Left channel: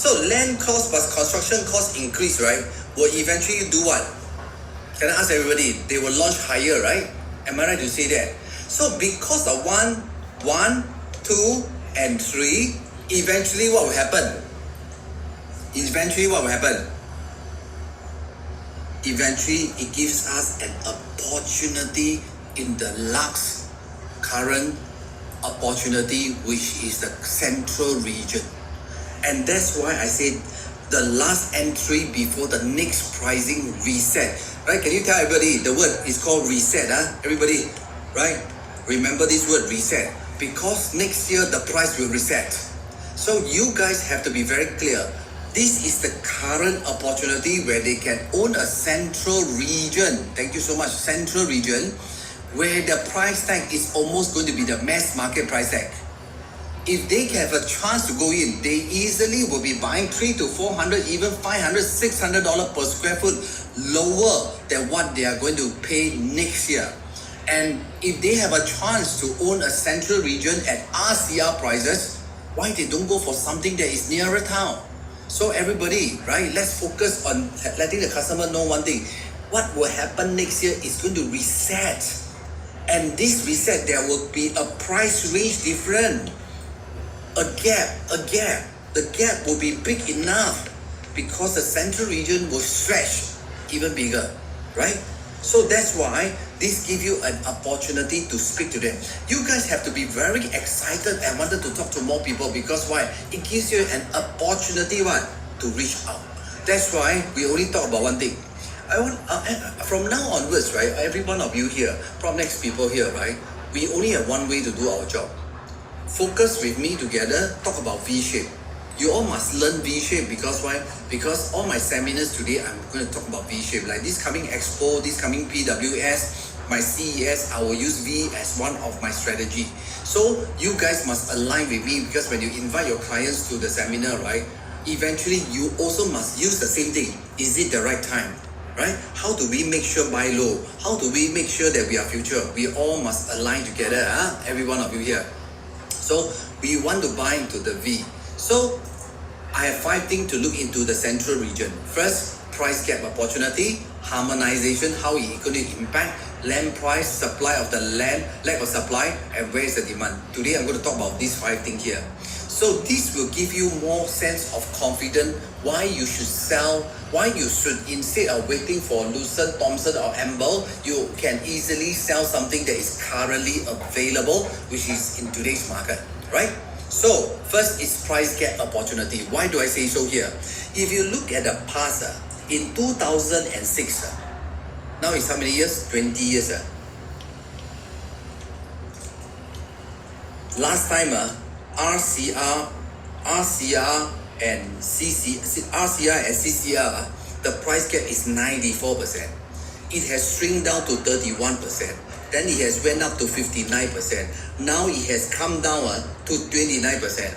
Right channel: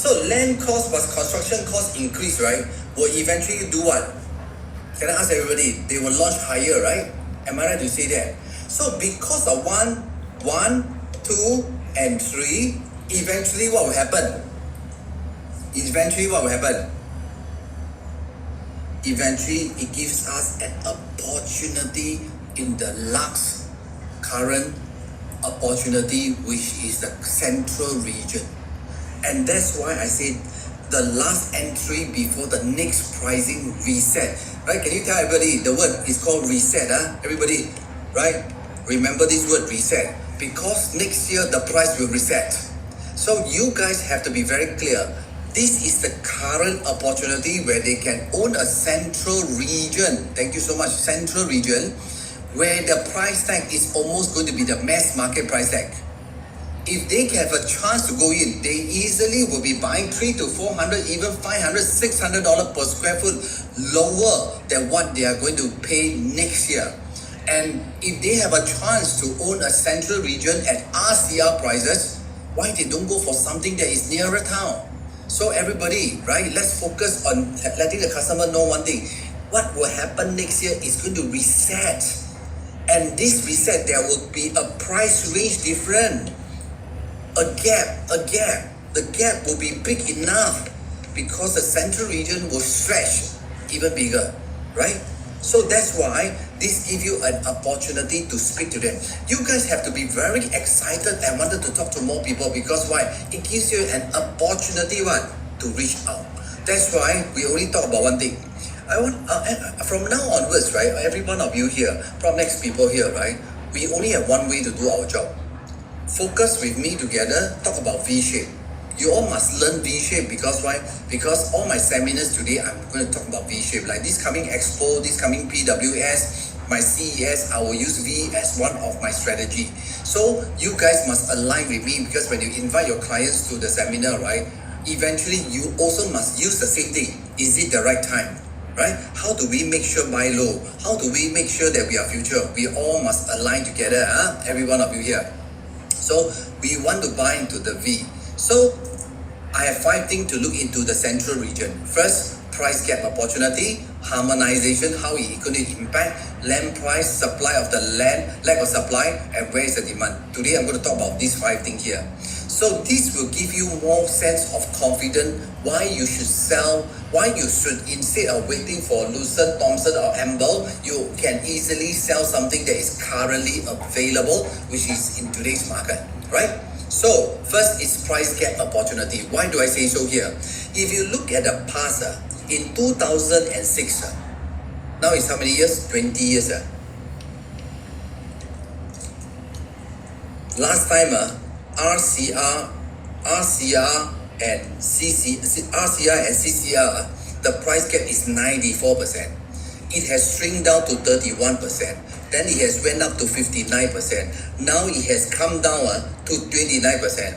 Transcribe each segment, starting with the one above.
So land cost plus construction cost increase, right, will eventually do what? Can I ask everybody? They will launch higher, right? Am I right to say that? So because of 1, 2, and 3, eventually what will happen? Eventually it gives us an opportunity in the last current opportunity, which is the central region. And that's why I said the last entry before the next pricing reset. Right? Can you tell everybody the word is called reset? Everybody, right? Remember this word reset, because next year the price will reset. So you guys have to be very clear. This is the current opportunity where they can own a central region. Thank you so much. Central region, where the price tag is almost going to be the mass market price tag. If they have a chance to go in, they easily will be buying $300 to $400, even $500, $600 per square foot lower than what they are going to pay next year. And if they have a chance to own a central region at RCR prices, why they don't go for something that is nearer town? So everybody, right, let's focus on letting the customer know one thing. What will happen next year is going to reset. And this reset, there will be a price range different. A gap. The gap will be big enough because the central region will stretch even bigger, right? So that's why this gives you an opportunity to speak to them. You guys have to be very excited and wanted to talk to more people, because why? It gives you an opportunity to reach out. That's why we only talk about one thing. I want from now onwards, right? Every one of you here, PropNext people here, right? We only have one way to do our job. Focus with me together, talk about V-shape. You all must learn V-shape, because why? Because all my seminars today, I'm going to talk about V-shape. Like this coming Expo, this coming PWS, my CES, I will use V as one of my strategy. So you guys must align with me, because when you invite your clients to the seminar, right? Eventually you also must use the same thing. Is it the right time? Right? How do we make sure buy low? How do we make sure that we are future? We all must align together, every one of you here. So we want to buy into the V. So I have 5 things to look into the central region. First, price gap opportunity, harmonization, how it going to impact, land price, supply of the land, lack of supply, and where is the demand. Today I'm going to talk about these 5 things here. So this will give you more sense of confidence why you should sell, why you should, instead of waiting for Lucent, Thomson or Amble, you can easily sell something that is currently available, which is in today's market, right? So first is price gap opportunity. Why do I say so here? If you look at the past, in 2006, now it's how many years? 20 years. Last time, RCR and CCR, the price gap is 94%. It has shrunk down to 31%. Then it has went up to 59%. Now it has come down to 29%.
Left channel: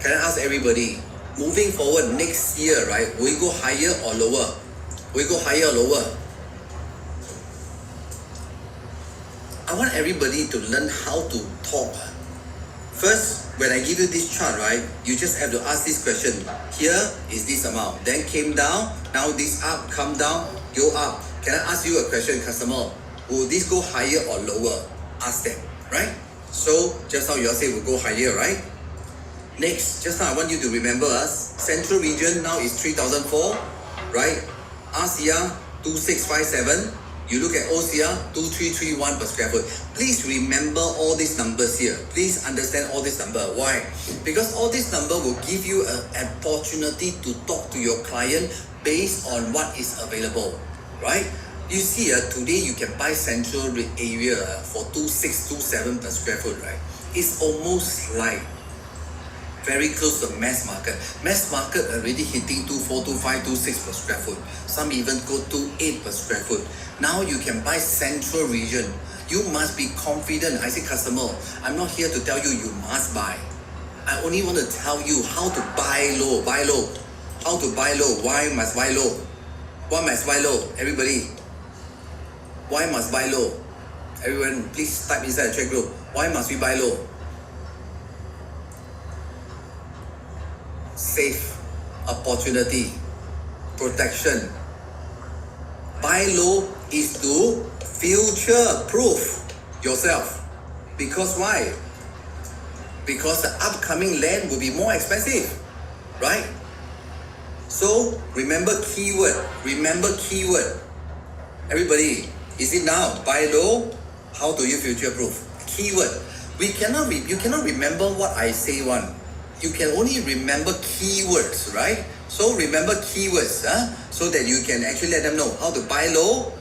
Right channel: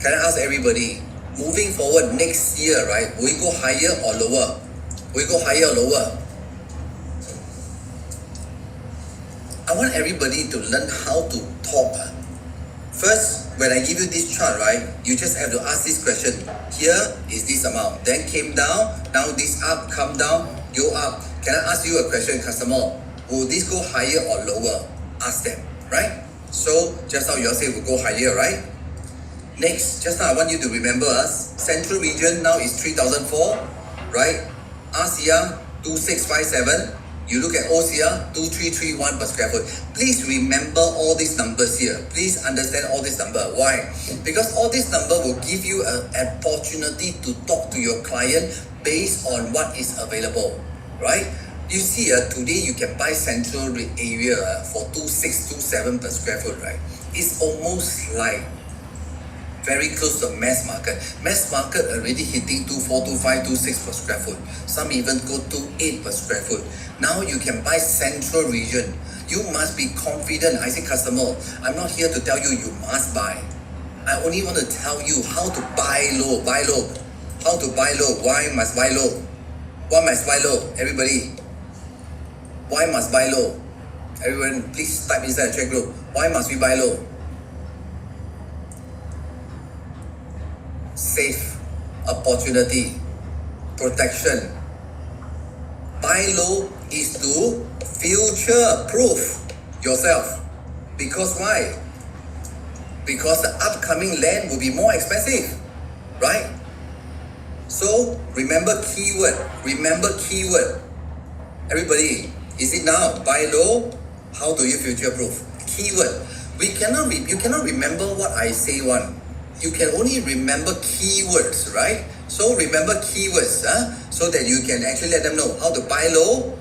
Can I ask everybody, moving forward next year, right, will we go higher or lower? Will we go higher or lower? I want everybody to learn how to talk. First, when I give you this chart, right, you just have to ask this question. Here is this amount. Then came down. Now this up, come down, go up. Can I ask you a question, customer? Will this go higher or lower? Ask them, right? So just now you all say will go higher, right? Next, just now I want you to remember us. Central region now is 3004, right? RCR 2657. You look at OCR 2331 per square foot. Please remember all these numbers here. Please understand all this number. Why? Because all this number will give you an opportunity to talk to your client based on what is available, right? You see, today you can buy central area for 2627 per square foot, right? It's almost like very close to mass market. Mass market already hitting 2425, 26 per square foot. Some even go to 8 per square foot. Now you can buy central region. You must be confident. I say, customer, I'm not here to tell you you must buy. I only want to tell you how to buy low. Buy low. How to buy low. Why must buy low? Why must buy low? Everybody. Why must buy low? Everyone, please type inside the chat group. Why must we buy low? safe, opportunity, protection. Buy low is to future-proof yourself. Because why? Because the upcoming land will be more expensive, right? So remember keyword. Everybody, is it now? Buy low. How do you future-proof? Keyword. You cannot remember what I say one. You can only remember keywords, right? So remember keywords, so that you can actually let them know how to buy low,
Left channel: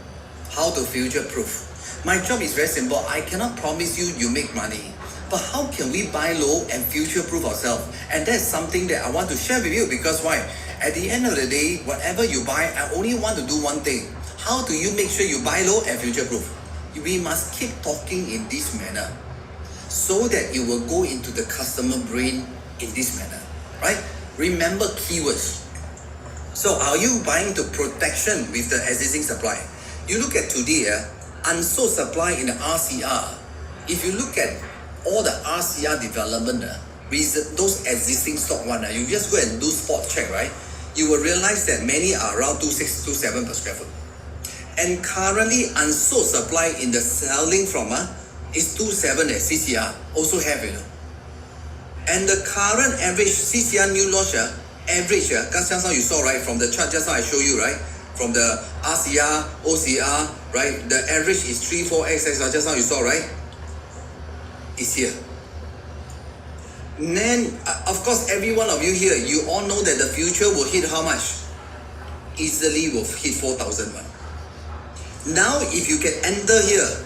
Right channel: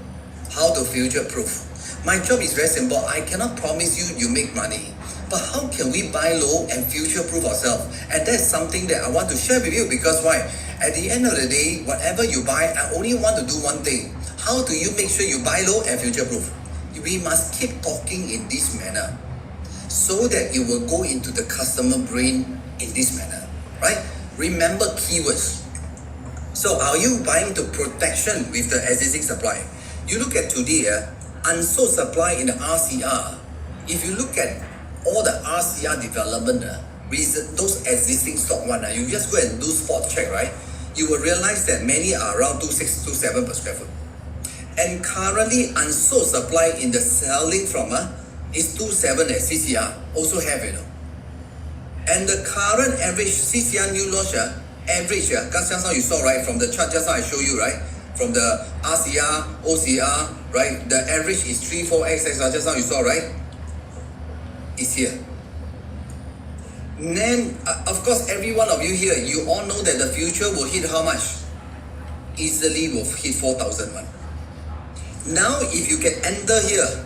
how to future-proof. My job is very simple. I cannot promise you make money. But how can we buy low and future-proof ourselves? And that's something that I want to share with you, because why? At the end of the day, whatever you buy, I only want to do one thing. How do you make sure you buy low and future-proof? We must keep talking in this manner, so that it will go into the customer brain in this manner, right? Remember keywords. So are you buying to protection with the existing supply? You look at today, unsold supply in the RCR. If you look at all the RCR development, with those existing stock one, you just go and do spot check, right? You will realize that many are around 26, 27 per square foot. And currently unsold supply in the selling from is 27 at CCR, also have it. And the current average CCR new launch, average, just now you saw, right, from the chart just now I show you, right, from the RCR, OCR, right, the average is 34xx, just now you saw, right, is here. And then, of course, every one of you here, you all know that the future will hit how much? Easily will hit 4,001. Now, if you can enter here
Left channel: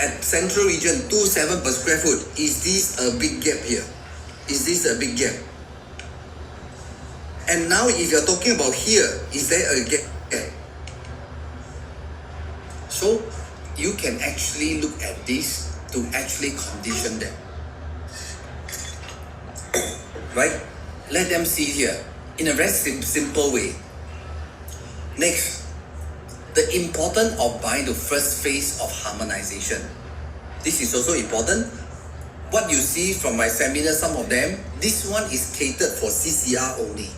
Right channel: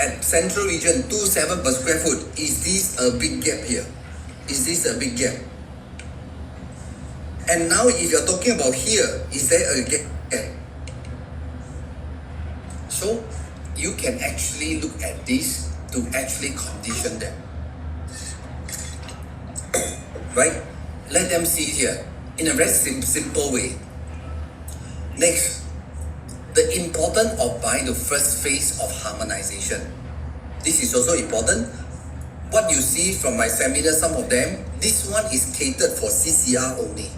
at Central Region 27 per square foot, is this a big gap here? Is this a big gap? And now, if you're talking about here, is there a gap? So, you can actually look at this to actually condition them. Right? Let them see here in a very simple way. Next, the importance of buying the first phase of harmonization. This is also important. What you see from my seminar, some of them, this one is catered for CCR only.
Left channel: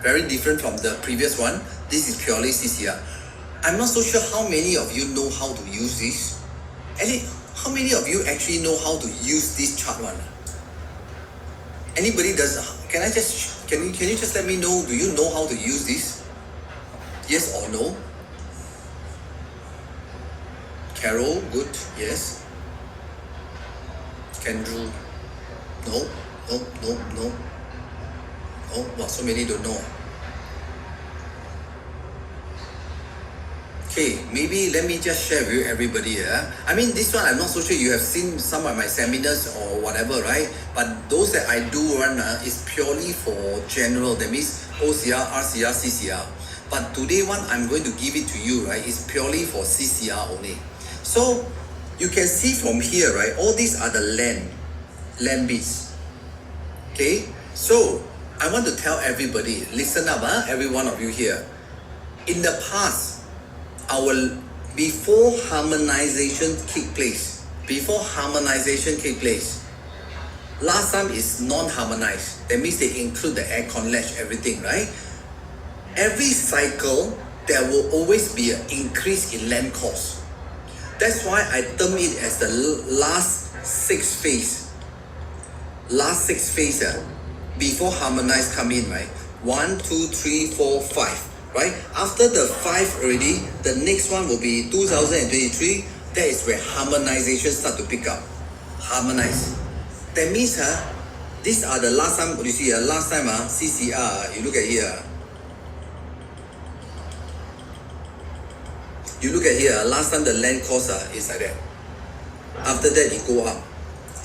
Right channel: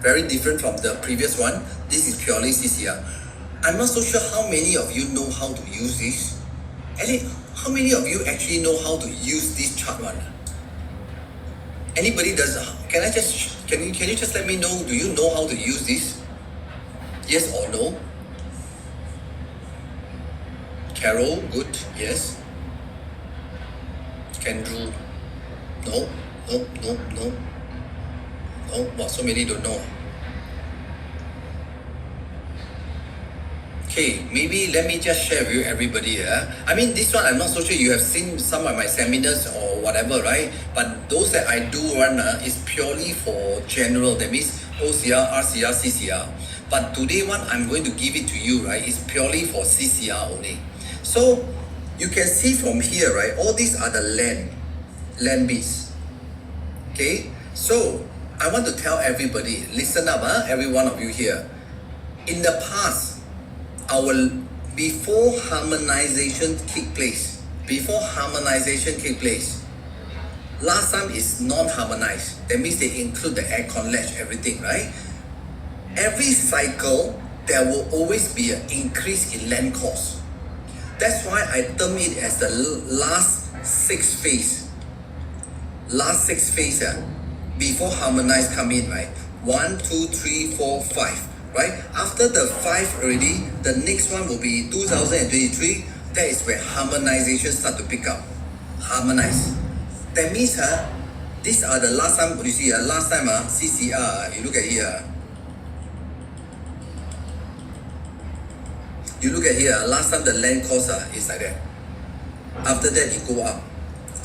Very different from the previous one. This is purely CCR. I'm not so sure how many of you know how to use this. How many of you actually know how to use this chart one? Anybody does? Can you just let me know? Do you know how to use this? Yes or no? Carol, good, yes. Kendrew, no. Wow, so many don't know. Okay, maybe let me just share with you everybody. I mean, this one I'm not so sure you have seen some of my seminars or whatever, right? But those that I do run is purely for general. That means OCR, RCR, CCR. But today one I'm going to give it to you, right? Is purely for CCR only. So you can see from here, right? All these are the land bits. Okay, so I want to tell everybody, listen up, every one of you here. In the past, before harmonization take place, last time is non-harmonized. That means they include the aircon latch, everything, right? Every cycle, there will always be an increase in land cost. That's why I term it as the last six phase. Before harmonized come in, right? 1, 2, 3, 4, 5. Right? After the 5 already, the next one will be 2023. That is where harmonization start to pick up. Harmonize. That means these are the last time, you see, last time CCR, you look at here. Last time the land cost is like that. After that, it go up.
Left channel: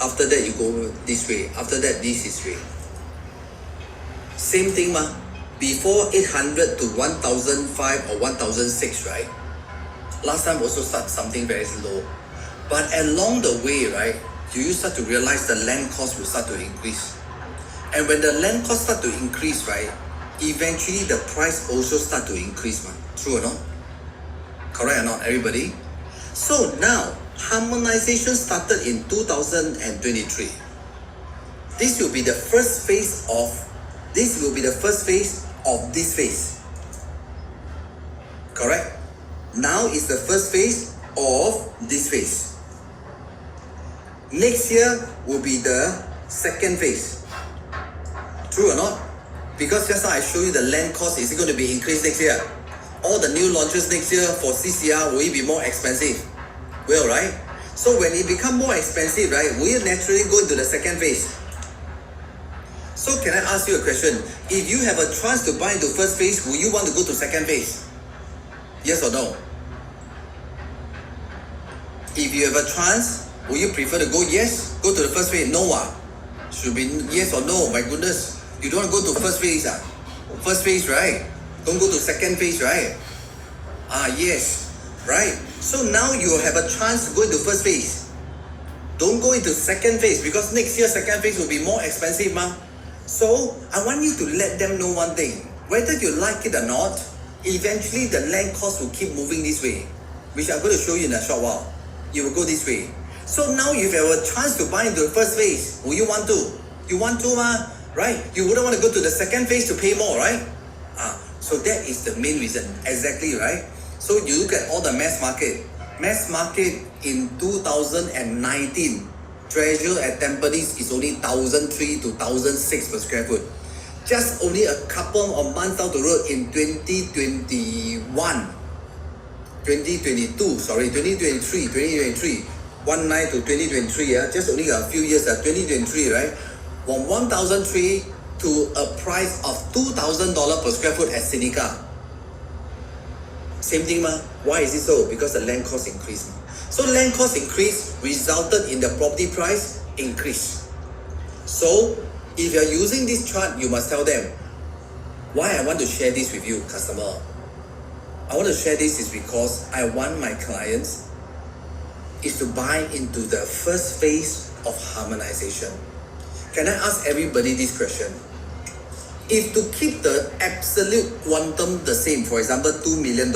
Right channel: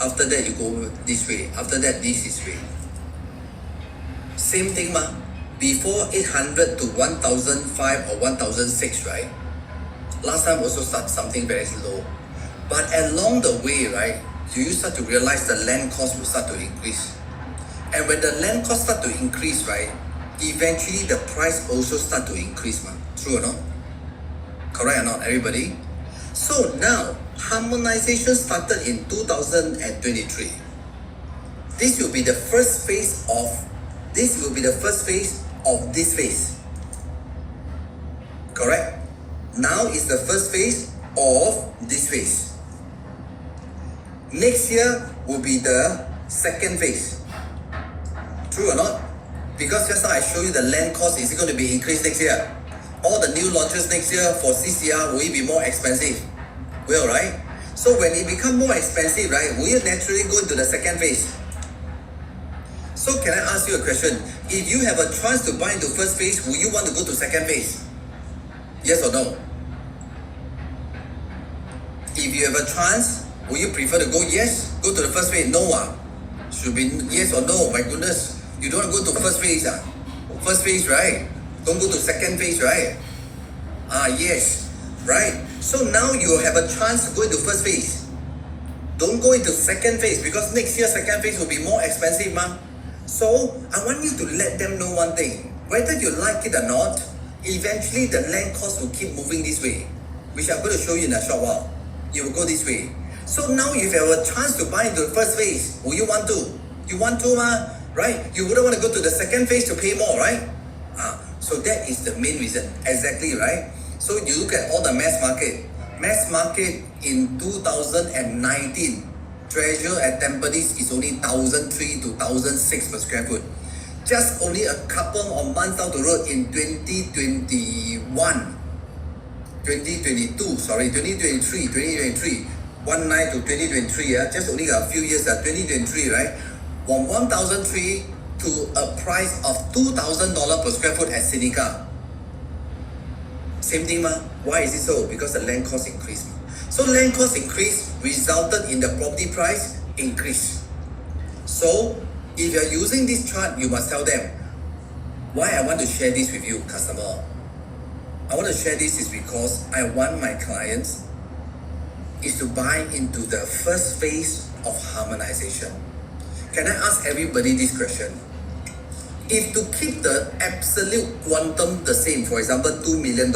After that, you go this way. After that, this is way. Same thing, before 800 to 1005 or 1006, right? Last time also start something very low. But along the way, right, you start to realize the land cost will start to increase. And when the land cost start to increase, right, eventually the price also start to increase, True or not? Correct or not, everybody? So now, harmonization started in 2023. This will be the first phase of This will be the first phase of this phase. Correct? Now is the first phase of this phase. Next year will be the second phase. True or not? Because just now I show you the land cost is going to be increased next year. All the new launches next year for CCR, will it be more expensive? Will, right? So when it become more expensive, right, will you naturally go into the second phase? So can I ask you a question? If you have a chance to buy into first phase, will you want to go to second phase? Yes or no? If you have a chance, will you prefer to go yes? Go to the first phase? No. Should be yes or no. My goodness. You don't want to go to first phase. First phase, right? Don't go to second phase, right? Yes. Right? So now you have a chance to go into first phase. Don't go into second phase because next year second phase will be more expensive. So I want you to let them know one thing. Whether you like it or not, eventually the land cost will keep moving this way, which I'm going to show you in a short while. You will go this way. So now if you have a chance to buy into the first phase, will you want to? You want to, right? You wouldn't want to go to the second phase to pay more, right? So that is the main reason. Exactly, right? So you look at all the mass market. Mass market in 2019, Treasure at Tampines is only 1,003 to 1,006 per square foot. Just only a couple of months down the road in 2023, 19 to 2023, just only a few years, 2023, right? From 1,003 to a price of $2,000 per square foot at Seneca. Same thing, Why is it so? Because the land cost increased. So land cost increase resulted in the property price increase. So if you are using this chart, you must tell them why I want to share this with you, customer. I want to share this is because I want my clients is to buy into the first phase of harmonization. Can I ask everybody this question? If to keep the absolute quantum the same, for example, $2 million,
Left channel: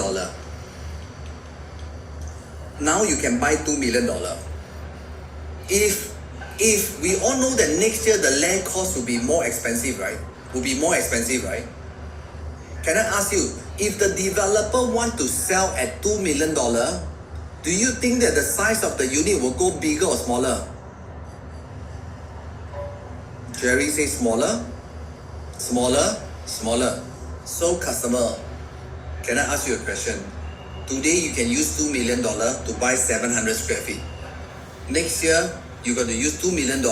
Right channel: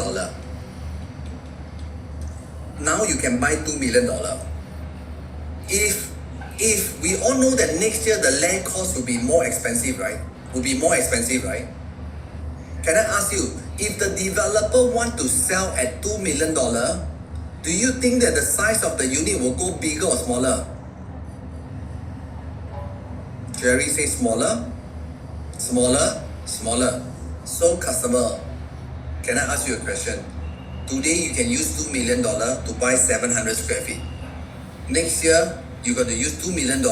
now you can buy $2 million. If we all know that next year the land cost will be more expensive, right? Can I ask you, if the developer want to sell at $2 million, do you think that the size of the unit will go bigger or smaller? Jerry says smaller. So customer, can I ask you a question? Today you can use $2 million to buy 700 square feet. Next year, you're going to use $2 million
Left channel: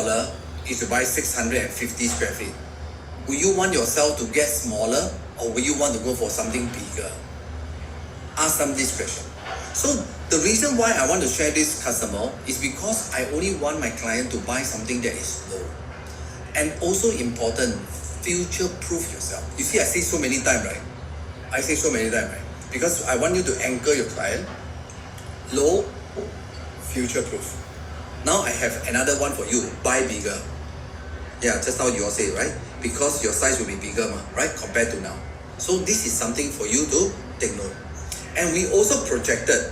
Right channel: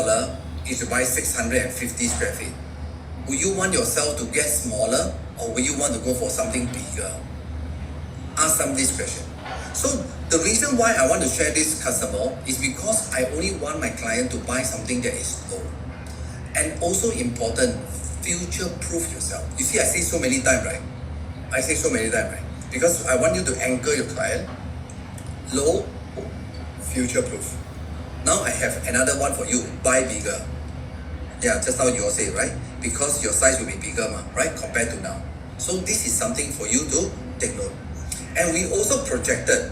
is to buy 650 square feet. Will you want yourself to get smaller or will you want to go for something bigger? Ask them this question. So the reason why I want to share this customer is because I only want my client to buy something that is low. And also important, future-proof yourself. You see, I say so many times, right? Because I want you to anchor your client. Low, future-proof. Now I have another one for you. Buy bigger. Yeah, just how you all say, right? Because your size will be bigger, right? Compared to now. So this is something for you to take note. And we also projected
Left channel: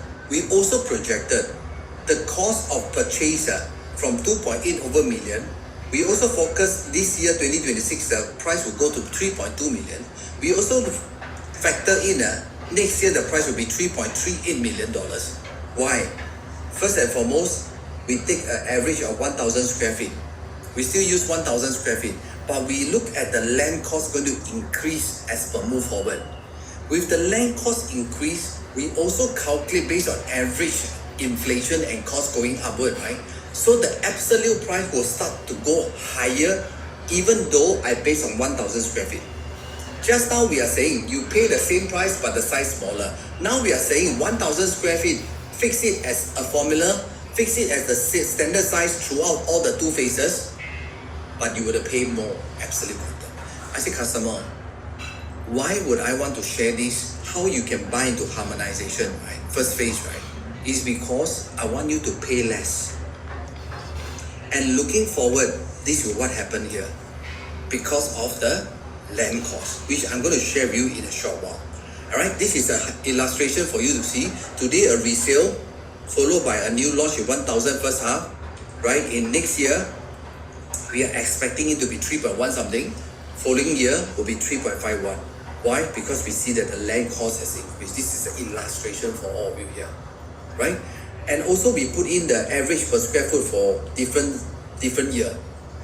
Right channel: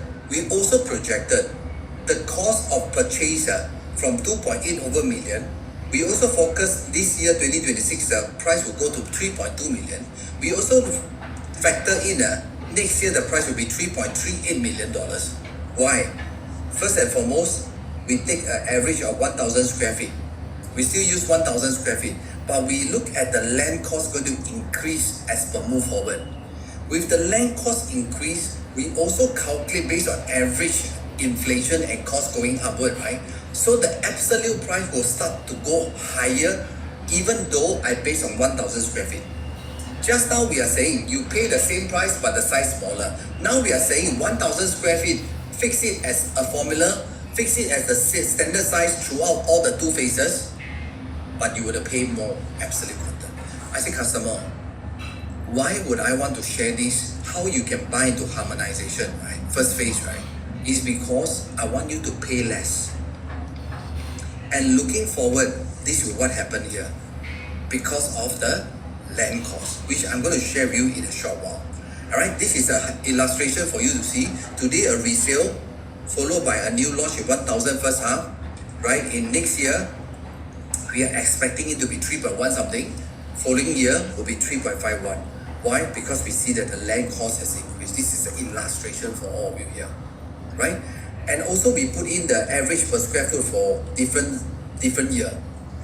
the cost of purchase from 2.8 over million. We also focused this year, 2026, the price will go to 3.2 million. We also factor in next year the price will be $3.38 million. Why? First and foremost, we take an average of 1,000 square feet. We still use 1,000 square feet, but we look at the land cost going to increase as per move forward. With the land cost increase, we also calculate based on average inflation and cost going upward, right? So the absolute price will start to go higher even though I base on 1,000 square feet. Just now we are saying you pay the same price but the size smaller. Now we are saying 1,000 square feet, fix it as a formula, fix it as the standard size throughout all the two phases, but you would pay more absolute quantum. I say customer, why would I want to share this? How you can buy into harmonization, right? First phase, right? Is because I want you to pay less. And looking forward, this is what happened here because of the land cost, which I'm going to share with you in a short while. Alright, this is an illustration for you to see. Today a resale followed by a new launch in 1,000 first half. Right, in next year, we are expecting it to be 3.1 something, Following year will be 3.51. Why? Because we see that the land cost has increased. This is an illustration for all of you here, right? And also we put in the average per square foot for different year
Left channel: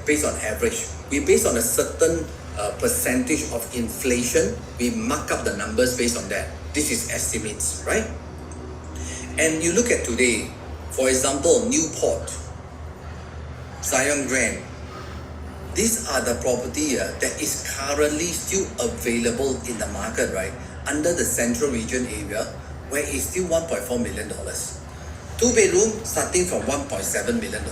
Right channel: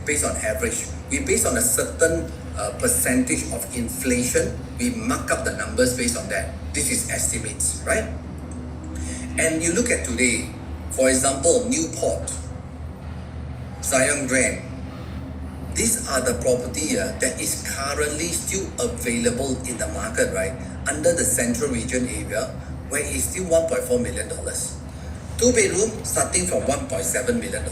based on average. We based on a certain percentage of inflation. We mark up the numbers based on that. This is estimates, right? And you look at today, for example, Newport, Zion Grand. These are the property that is currently still available in the market, right? Under the central region area, where it's still $1.4 million. 2-bedroom starting from $1.7 million.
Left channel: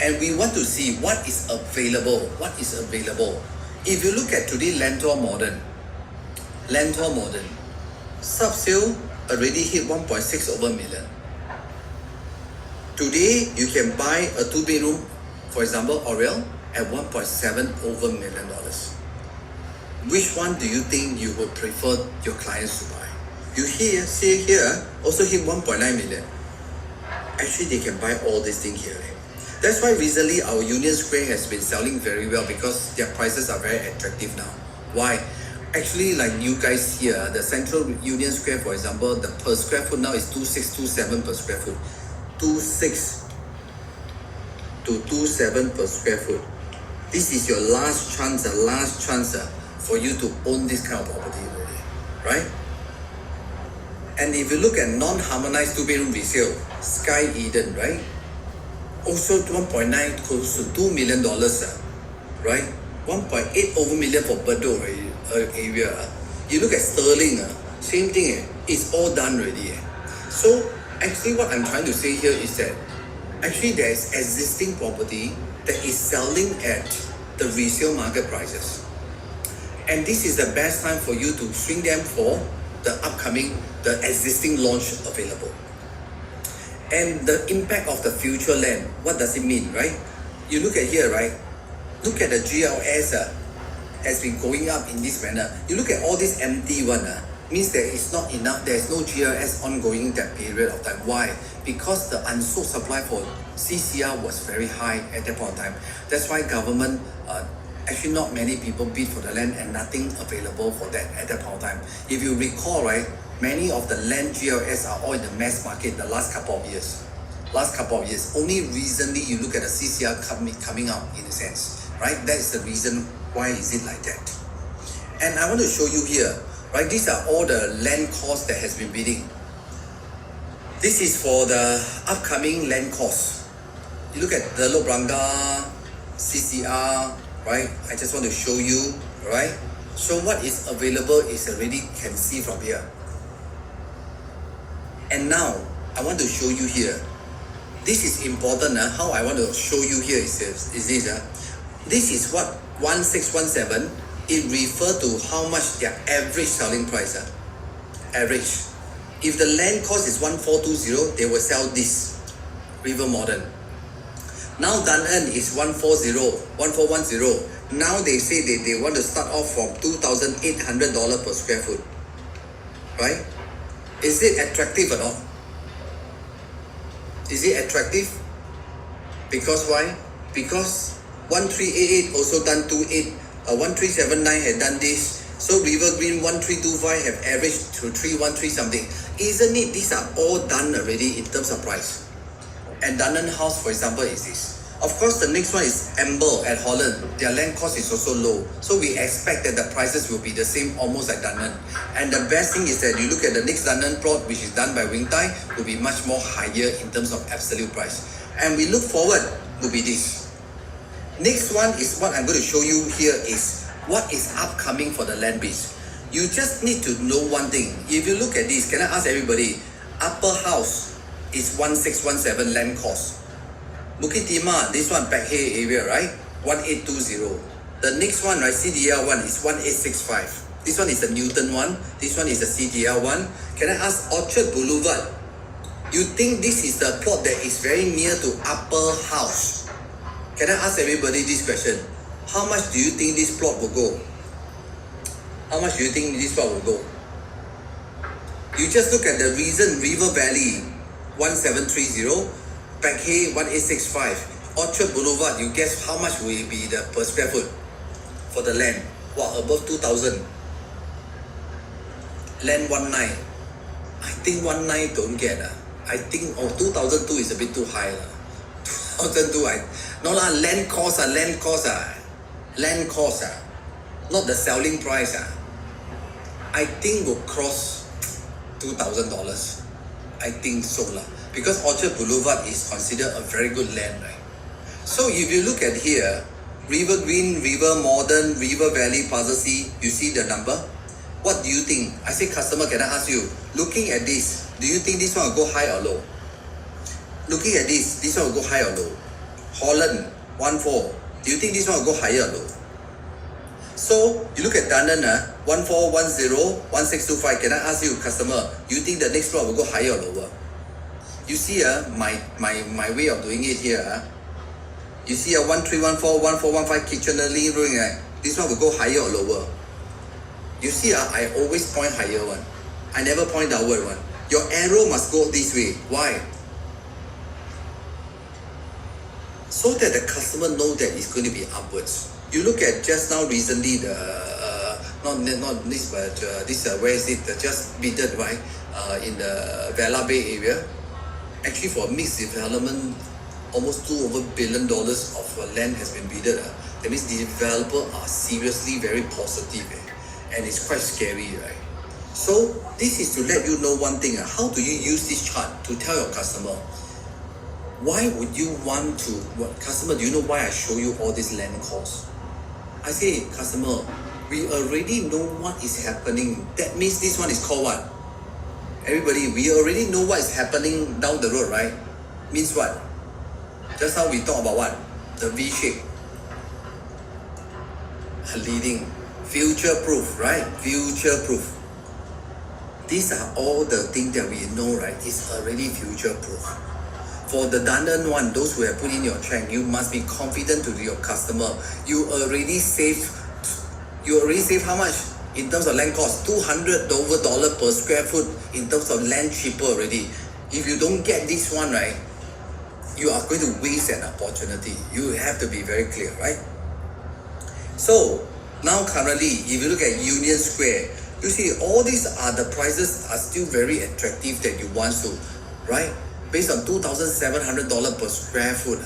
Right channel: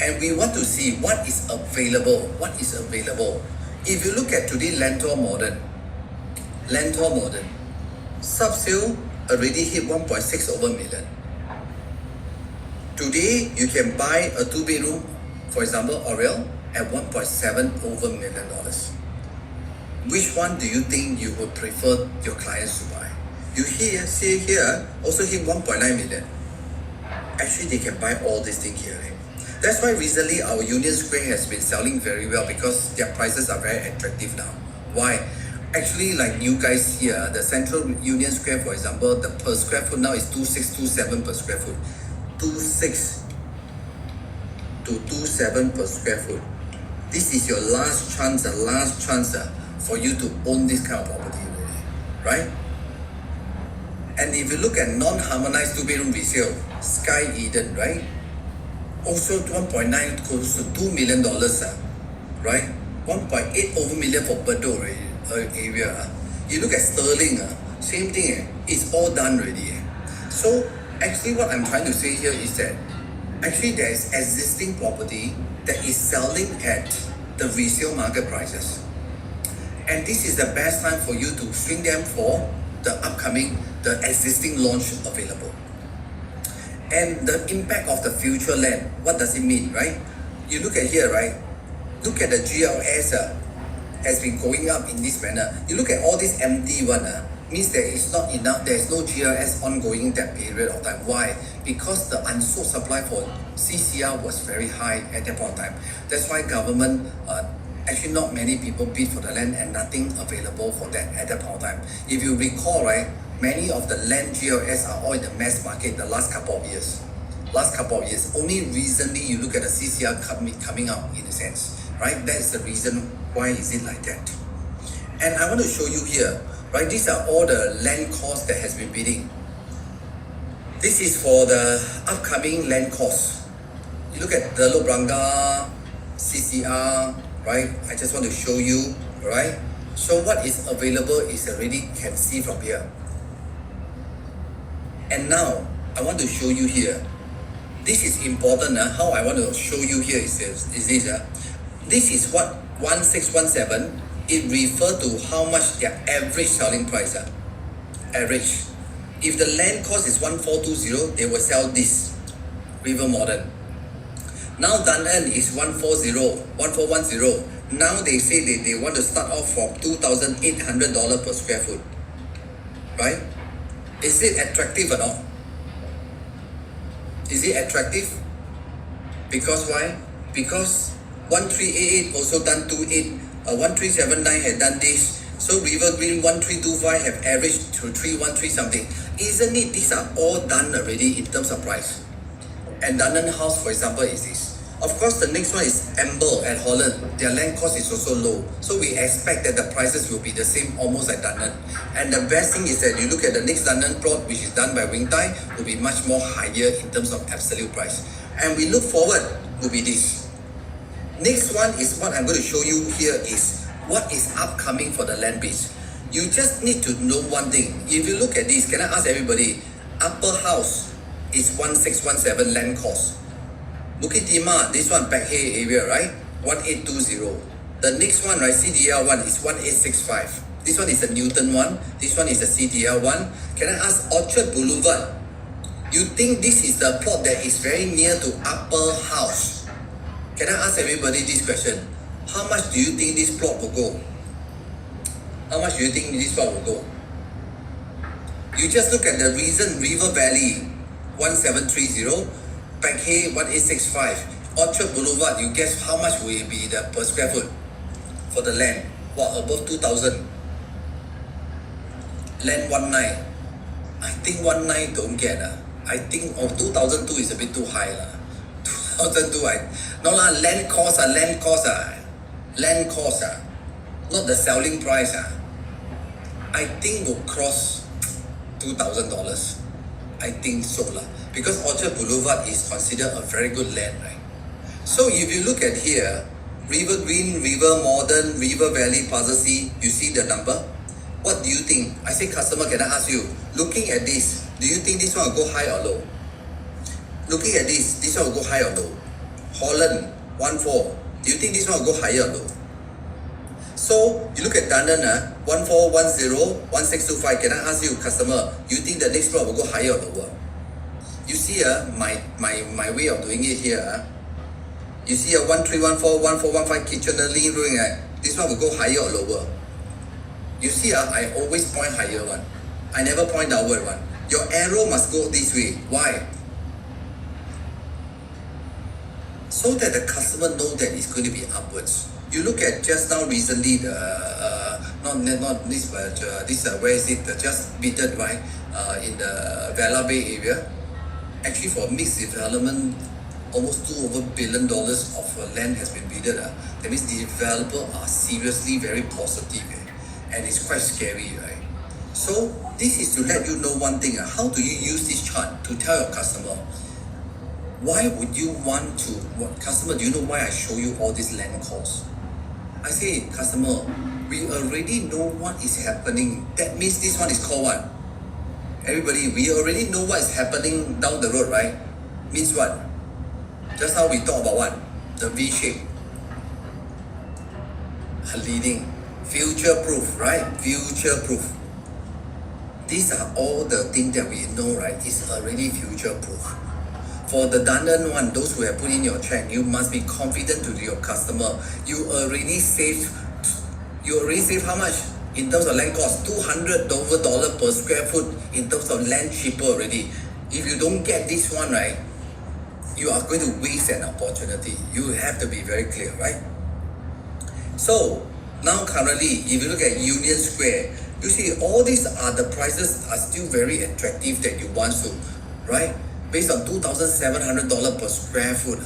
And we want to see what is available. What is available? If you look at today, Lentor Modern, sub-sale already hit 1.6 over million. Today, you can buy a 2-bedroom, for example, Oriel, at 1.7 over million dollars. Which one do you think you would prefer your clients to buy? You see here, also hit 1.9 million. Actually, they can buy all this thing here. That's why recently our Union Square has been selling very well because their prices are very attractive now. Why? Actually, like you guys here, the Central Union Square, for example, the per square foot now is 2627 per square foot. 26 to 27 per square foot. This is your last chance for you to own this kind of property already, right? And if you look at non-harmonized 2-bedroom resale, Sky Eden, right? Also 1.9 close to $2 million, right? 1.8 over million for Bedok area. You look at Sterling, same thing, it's all done already. So actually what I'm trying to say here is that actually there is existing property that is selling at the resale market prices. And this is the best time for you to swing them for the existing launch available. And the impact of the future land, what does it mean, right? You look at here, right? Look at the GLS has been going up in this manner. You look at all this empty one, means there is not enough, there is no GLS ongoing in that period of time. Why? Because the unsold supply for CCR was very high at that point of time. That's why government, actually not many people bid for the land and nothing available for that at that point of time. If you recall, right, many of the land GLS are all in the mass market the last couple of years. Only recently you look at the CCR coming out in a sense, right? That is the reason why is it like that. And I want to show you here, right? These are all the land costs that has been bidding. This is for the upcoming land costs. You look at the Lobranga, CCR, right? I just want to show you, right? So what is available is already can see from here. And now, I want to show you here. This is important. How I want to show you here is this. This is what 1617, it refers to how much their average selling price. Average. If the land cost is 1420, they will sell this, River Modern. Now Dunn is 1410. Now they say they want to start off from $2,800 per square foot. Right? Is it attractive or not? Is it attractive? Because why? Because 1388 also done 1379 had done this. So River Green 1325 have averaged to 313 something. Isn't it? These are all done already in terms of price. And Dunnan House, for example, is this. Of course, the next one is Amber at Holland. Their land cost is also low. So we expect that the prices will be the same almost like Dunnan. And the best thing is that you look at the next Dunnan plot, which is done by Wing Tai, will be much more higher in terms of absolute price. And we look forward to be this. Next one is what I'm going to show you here is what is upcoming for the land base. You just need to know one thing. If you look at this, can I ask everybody, Upper House is 1617 land cost. Bukit Timah, this one Back Hay area, right? 1820. The next one, right, CDR one is 1865. This one is the Newton one. This one is the CDR one. Can I ask Orchard Boulevard? You think this is the plot that is very near to Upper House? Can I ask everybody this question? How much do you think this plot will go? How much do you think this plot will go? You just look at the reason River Valley 1730, Back Hay 1865, Orchard Boulevard, you guess how much will be the per square foot? for the land. Wow, above 2,000. Land 19. I think 19 don't get. I think 2002 is a bit too high. 2002, no lah, land cost. Not the selling price. I think will cross $2,000. I think so lah. Because Orchard Boulevard is considered a very good land, right? So if you look at here, River Green, River Modern, River Valley, Plaza C, you see the number? What do you think? I say, customer, can I ask you, looking at this, do you think this one will go high or low? Looking at this one will go high or low? Holland, 1.4, do you think this one will go higher or low? So, you look at Dandan, 1410, 1625, can I ask you, customer, you think the next floor will go higher or lower? You see my way of doing it here. You see 1314, 1415 Kitchener Lee Road, this one will go higher or lower? You see, I always point higher one. I never point downward one. Your arrow must go this way. Why? So that the customer know that it's going to be upwards. You look at just now recently not this but this where is it just bidded right in the Vela Bay area. Actually for mixed development, almost $2 billion of land has been bidded. That means the developers are seriously very positive, and it's quite scary, right? So this is to let you know one thing. How do you use this chart to tell your customer? Why would you want to, customer, do you know why I show you all this land costs? I say, customer, we already know what is happening. That means this one is called what? Everybody, we already know what is happening down the road, right? Means what? Just now we talk about what? The V shape. Leading. Future proof, right? Future proof. These are all the things that we know, right? It's already future proof. For the Dandan one, those who have put in your check, you must be confident to your customer. You already save how much? In terms of land cost, $200 per square foot in terms of land cheaper already. If you don't get this one, right, you are going to waste an opportunity. You have to be very clear, right? So, now currently, if you look at Union Square, you see all these are the prices are still very attractive that you want to, right? Based on $2,700 per square foot,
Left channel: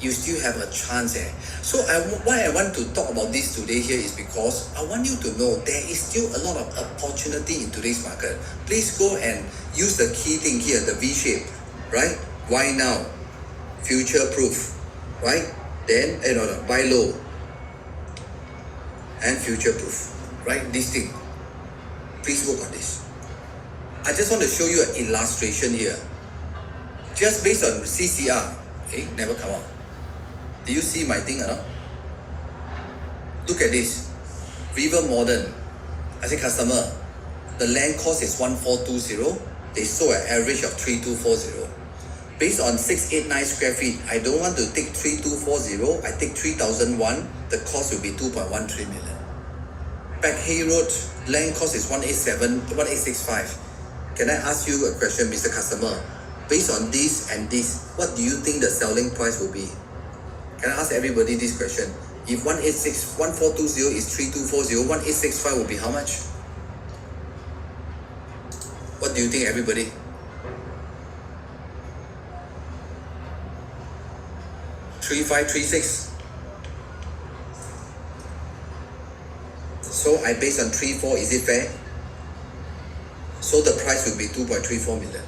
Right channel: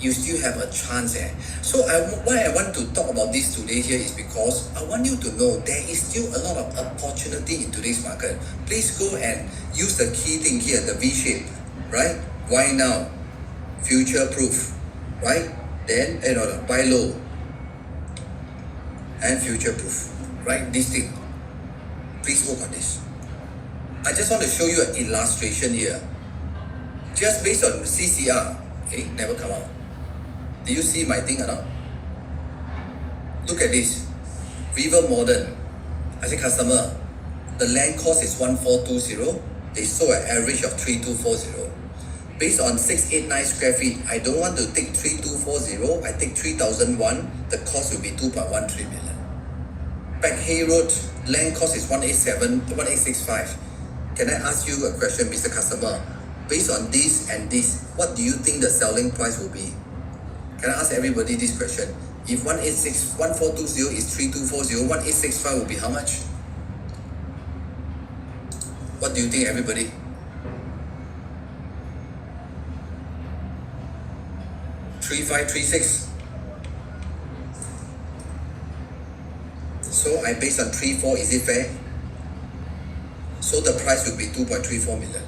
you still have a chance. So why I want to talk about this today here is because I want you to know there is still a lot of opportunity in today's market. Please go and use the key thing here, the V shape, right? Why now? Future proof, right? Then buy low and future proof, right? This thing. Please work on this. I just want to show you an illustration here. Just based on CCR, never come out. Do you see my thing or not? Look at this. River Modern. I say customer, the land cost is 1420. They sold an average of 3240. Based on 689 square feet, I don't want to take 3240. I take 3001. The cost will be 2.13 million. Back Hay Road, land cost is 1865. Can I ask you a question, Mr. Customer? Based on this and this, what do you think the selling price will be? Can I ask everybody this question? If 1420 is 3240, 1865 will be how much? What do you think, everybody? $3,536. So I based on 3.4, is it fair? So the price will be 2.34 million.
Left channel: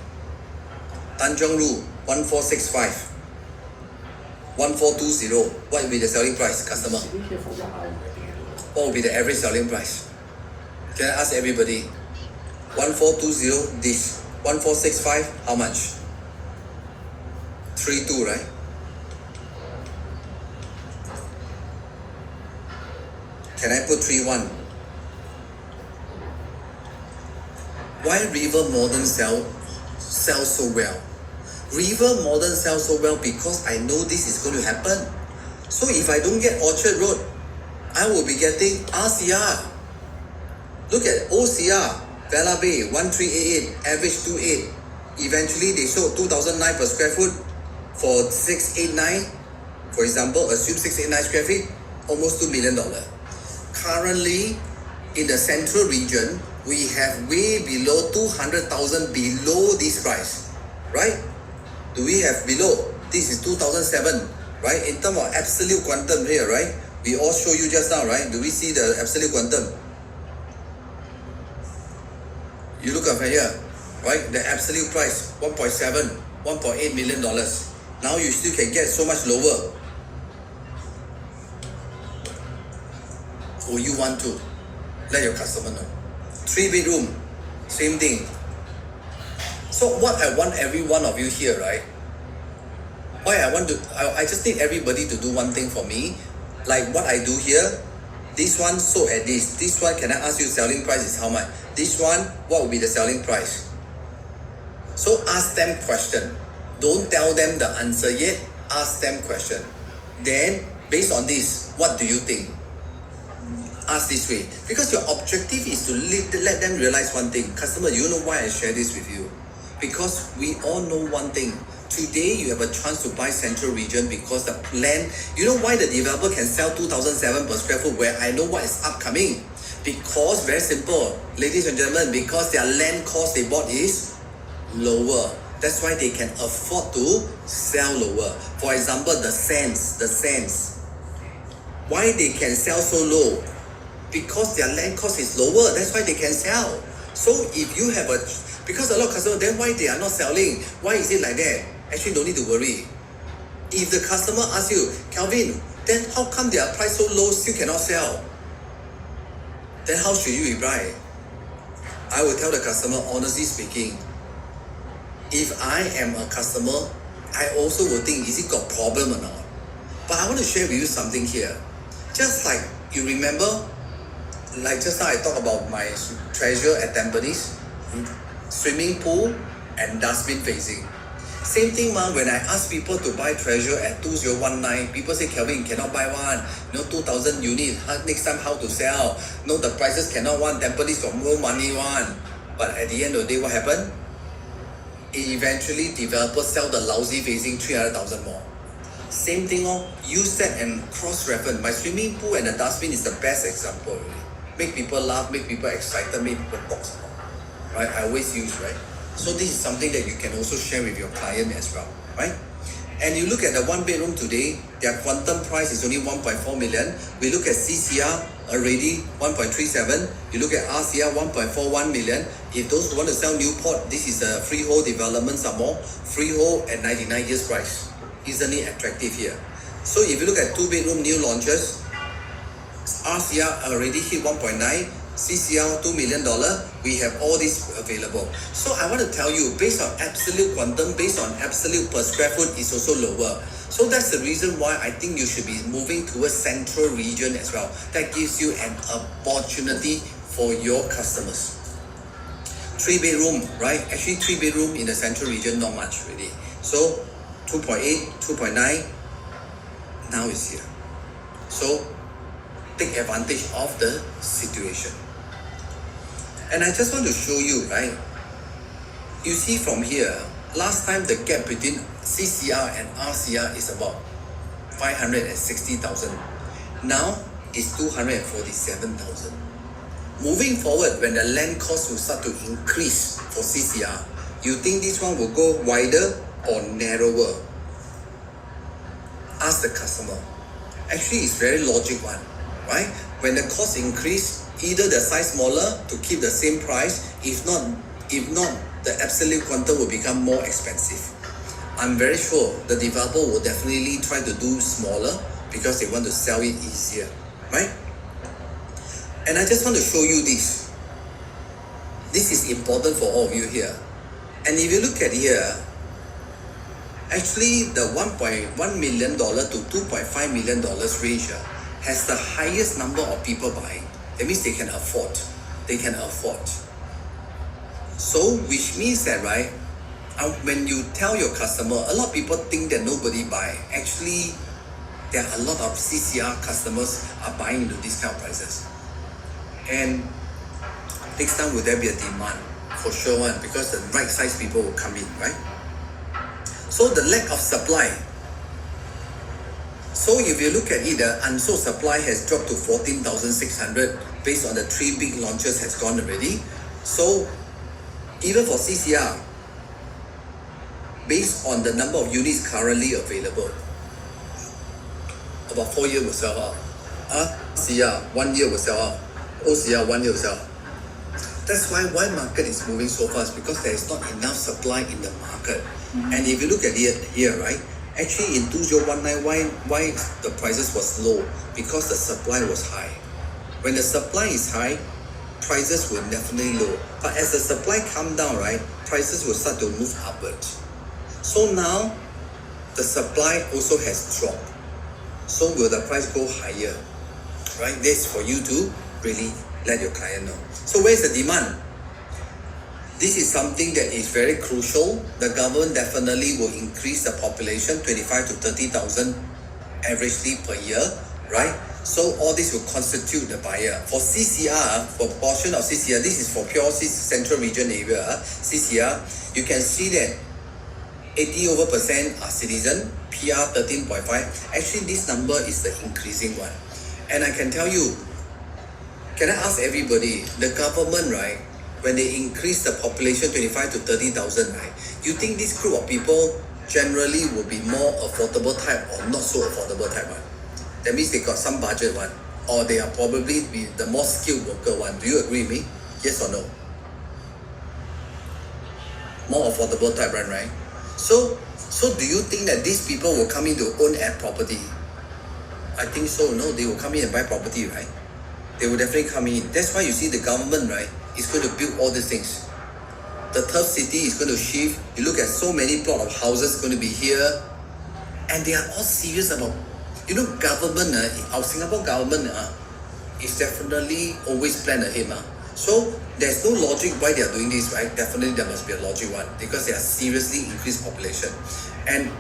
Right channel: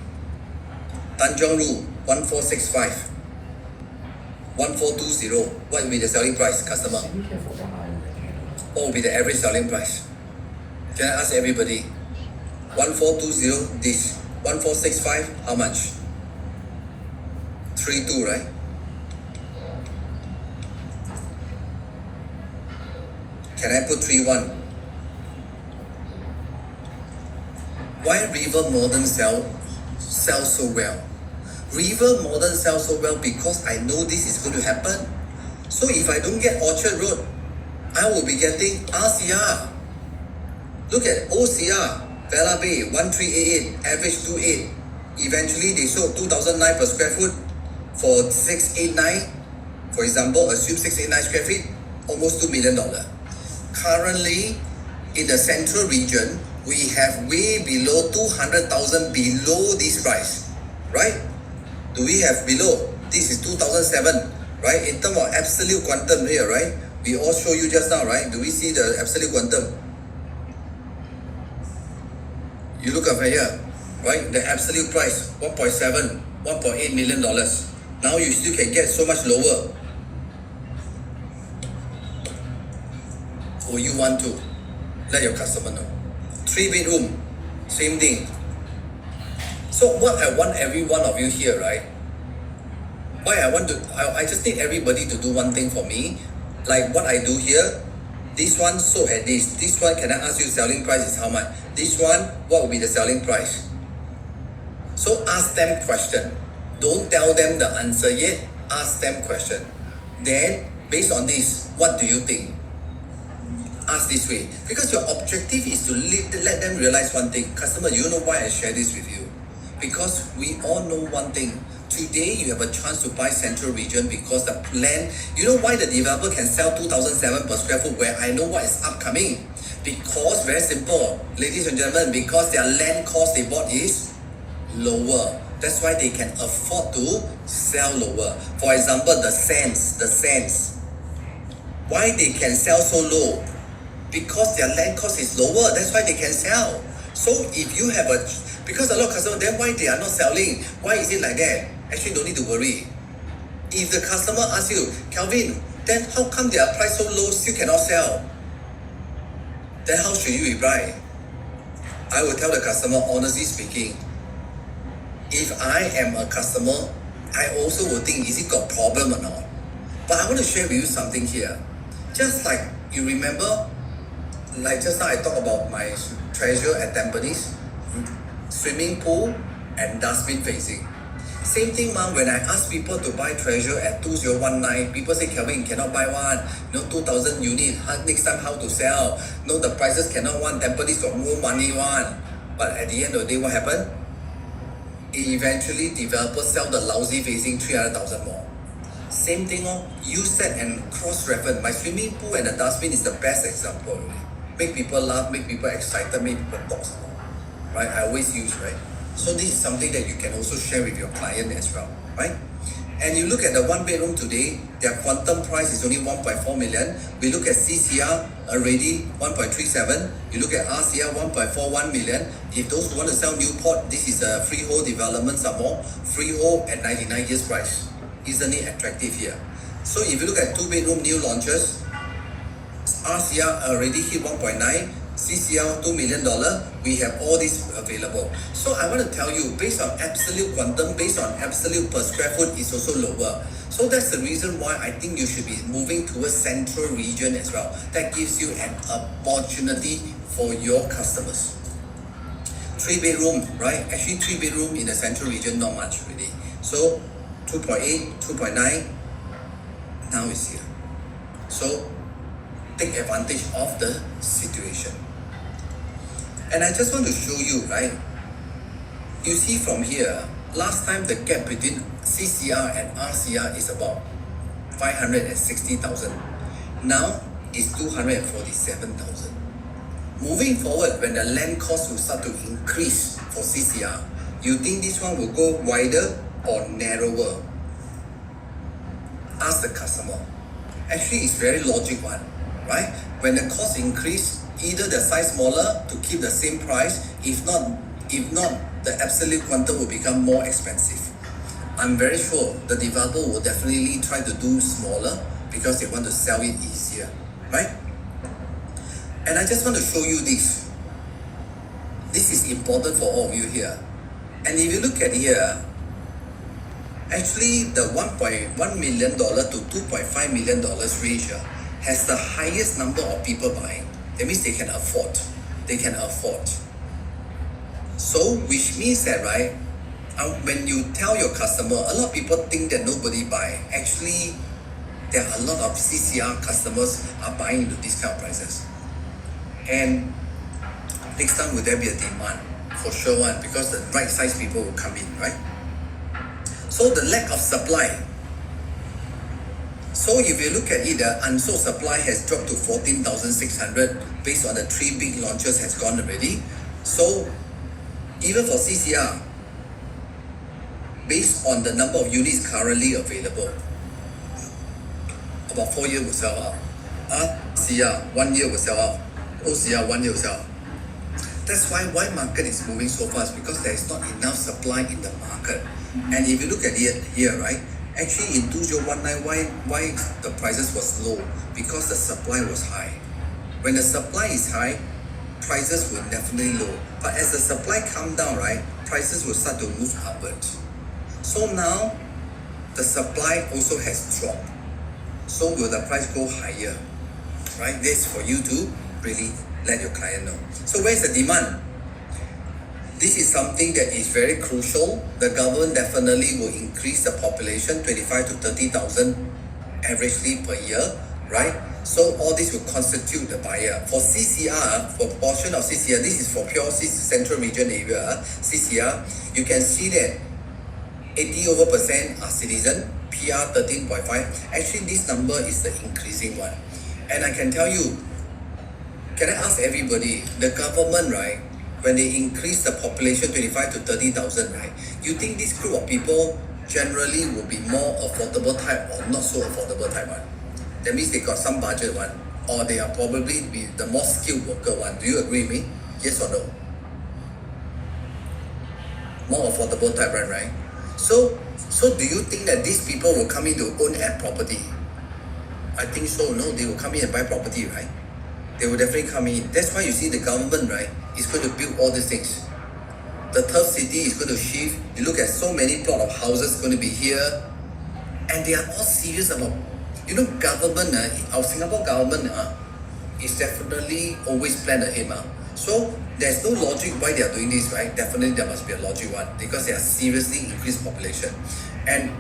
Tanjong Ru, 1465. 1420. What will be the selling price, customer? What will be the average selling price? Can I ask everybody? 1420, this. 1465, how much? 32, right? Can I put 31? Why River Modern sell so well? River Modern sells so well because I know this is going to happen. So if I don't get Orchard Road, I will be getting RCR. Look at OCR, Vela Bay, 1388, average 28. Eventually they sold 2009 per square foot for 689. For example, assume 689 square feet, almost $2 million. Currently, in the central region, we have way below 200,000 below this price, right? Do we have below? This is 2007, right? In terms of absolute quantum here, right? We all show you just now, right? Do we see the absolute quantum? You look up here, right? The absolute price, 1.7, $1.8 million. Now you still can get so much lower. Or you want to let your customer know. 3-bedroom, same thing. So what I want every one of you here, right? I just need everybody to do one thing for me. Like what I do here, this one sold at this. This one, can I ask you selling price is how much? This one, what will be the selling price? So ask them question. Don't tell them the answer yet. Ask them question. Then, based on this, what do you think? Ask this way. Because your objective is to let them realize one thing. Customer, you know why I share this with you? Because we all know one thing. Today, you have a chance to buy central region because the land, you know why the developer can sell 2007 per square foot where I know what is upcoming? Because, very simple, ladies and gentlemen, because their land cost they bought is lower. That's why they can afford to sell lower. For example, the sands. Why they can sell so low? Because their land cost is lower. That's why they can sell. So if you have because a lot of customers, then why they are not selling? Why is it like that? Actually, don't need to worry. If the customer asks you, Kelvin, then how come their price so low still cannot sell? Then how should you reply? I will tell the customer, honestly speaking, if I am a customer, I also will think, is it got problem or not? But I want to share with you something here. Just like you remember, like just now I talked about my treasure at Tampines, swimming pool and dustbin facing. Same thing, when I ask people to buy treasure at 2019, people say, Kelvin, cannot buy one. 2,000 unit, next time how to sell? No, the prices cannot one, Tampines got more money one. But at the end of the day, what happened? Eventually, developers sell the lousy facing 300,000 more. Same thing, use that and cross-reference. My swimming pool and the dustbin is the best example, really. Make people laugh, make people excited, make people talk more. Right? I always use, right? So this is something that you can also share with your client as well, right? And you look at the 1-bedroom today, their quantum price is only 1.4 million. We look at CCR already 1.37. You look at RCR 1.41 million. If those who want to sell Newport, this is a freehold development some more. Freehold at 99 years price. Isn't it attractive here? So if you look at 2-bedroom new launches, RCR already hit 1.9, CCR $2 million, we have all this available. So I want to tell you, based on absolute quantum, based on absolute per square foot is also lower. So that's the reason why I think you should be moving towards central region as well. That gives you an opportunity for your customers. 3-bedroom, right? Actually 3-bedroom in the central region, not much really. So 2.8, 2.9, now it's here. So take advantage of the situation. And I just want to show you, right? You see from here, last time the gap between CCR and RCR is about 560,000. Now it's 247,000. Moving forward, when the land cost will start to increase for CCR, you think this one will go wider or narrower? Ask the customer. Actually, it's very logical one, right? When the cost increase, either the size smaller to keep the same price. If not, the absolute quantum will become more expensive. I'm very sure the developer will definitely try to do smaller because they want to sell it easier, right? And I just want to show you this. This is important for all of you here. And if you look at here, actually the $1.1 million to $2.5 million range has the highest number of people buying. That means they can afford. They can afford. So, which means that, right, when you tell your customer, a lot of people think that nobody buy. Actually, there are a lot of CCR customers are buying into these kind of prices. And next time, will there be a demand? For sure one, because the right size people will come in, right? So the lack of supply. So if you look at it, the unsold supply has dropped to 14,600 based on the 3 big launches has gone already. So even for CCR, based on the number of units currently available, about 4 years will sell out. CR, 1 year will sell out. OCR, 1 year will sell out. That's why market is moving so fast, because there is not enough supply in the market. And if you look at it here, right, actually in 2019, why the prices was low? Because the supply was high. When the supply is high, prices will definitely low. But as the supply come down, right, prices will start to move upwards. So now the supply also has dropped. So will the price go higher? Right? This for you to really let your client know. So where's the demand? This is something that is very crucial. The government definitely will increase the population 25 to 30,000 averagely per year, right? So all this will constitute the buyer. For CCR, for portion of CCR, this is for pure central region area, CCR, you can see that 80% are citizen, PR 13.5. Actually, this number is the increasing one. And I can tell you, can I ask everybody, the government, right, when they increase the population 25 to 30,000, right, you think this group of people generally will be more affordable type or not so affordable type one? That means they got some budget one, or they are probably be the more skilled worker one. Do you agree with me? Yes or no? More affordable type one, right? So do you think that these people will come in to own a property? I think so. No, they will come in and buy property, right? They will definitely come in. That's why you see the government, right, is going to build all these things. The third city is going to shift. You look at so many plot of houses going to be here, and they are all serious about, government, our Singapore government is definitely always plan ahead. So there's no logic why they are doing this, right? Definitely there must be a logic one, because they are seriously increased population, and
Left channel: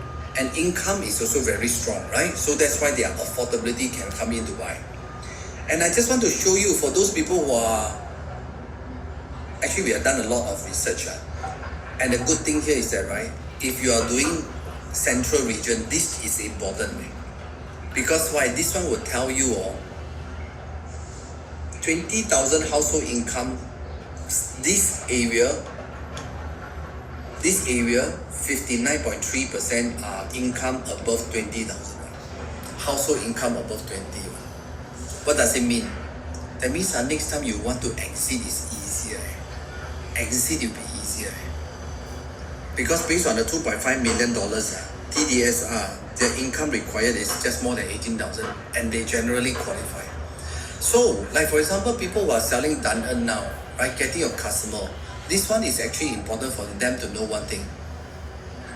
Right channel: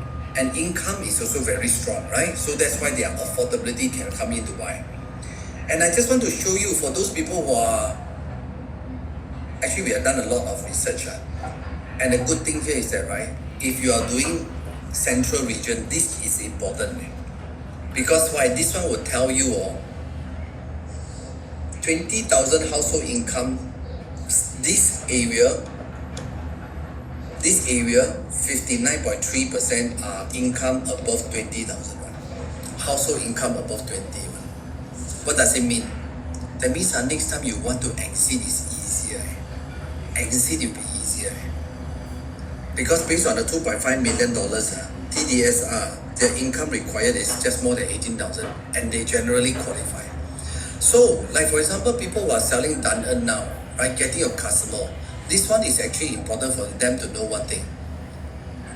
income is also very strong, right? So that's why their affordability can come in to buy. And I just want to show you, for those people who are, actually we have done a lot of research, and the good thing here is that, right, if you are doing central region, this is important, because why? This one will tell you 20,000 household income, this area 59.3% are income above 20,000. Household income above 20. What does it mean? That means next time you want to exit is easier. Exit will be easier. Because based on the $2.5 million TDSR, their income required is just more than 18,000, and they generally qualify. So, like for example, people who are selling Dun now, right, getting a customer, this one is actually important for them to know one thing.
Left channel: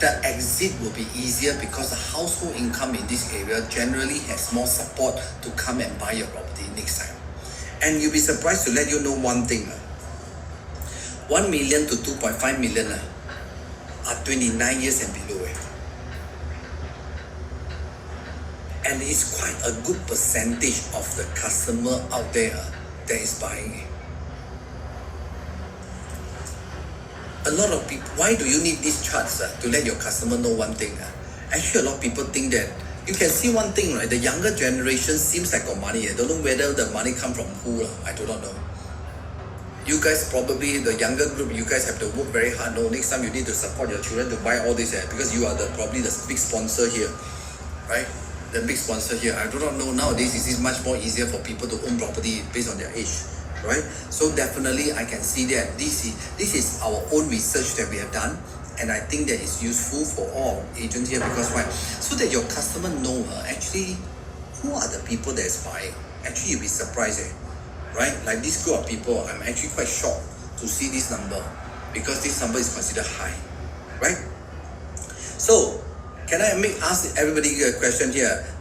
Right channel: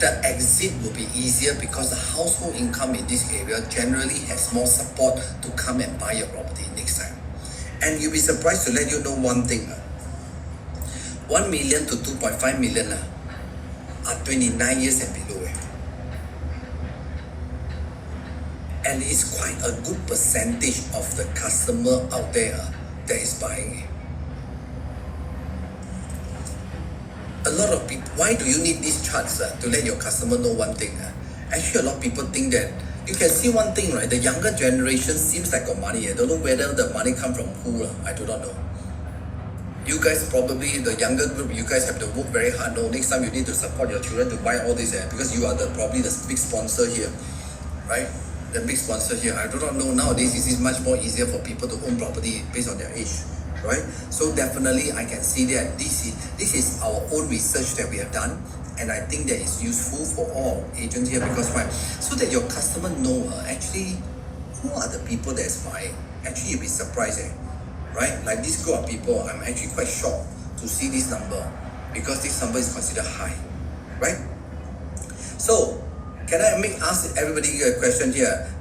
The exit will be easier because the household income in this area generally has more support to come and buy your property next time. And you'll be surprised to let you know one thing. 1 million to 2.5 million are 29 years and below. And it's quite a good percentage of the customer out there that is buying. A lot of people, why do you need these charts to let your customer know one thing? Actually, a lot of people think that, you can see one thing, right? The younger generation seems like got money. I don't know whether the money come from who. I do not know. You guys probably, the younger group, you guys have to work very hard. No, next time you need to support your children to buy all this because you are probably the big sponsor here, right? The big sponsor here. I do not know nowadays. This is much more easier for people to own property based on their age, right? So definitely I can see that this is our own research that we have done, and I think that is useful for all agents here, because why? So that your customer know actually who are the people that is buying. Actually, you'll be surprised, right? Like this group of people, I'm actually quite shocked to see this number, because this number is considered high, right? So can I ask everybody a question here?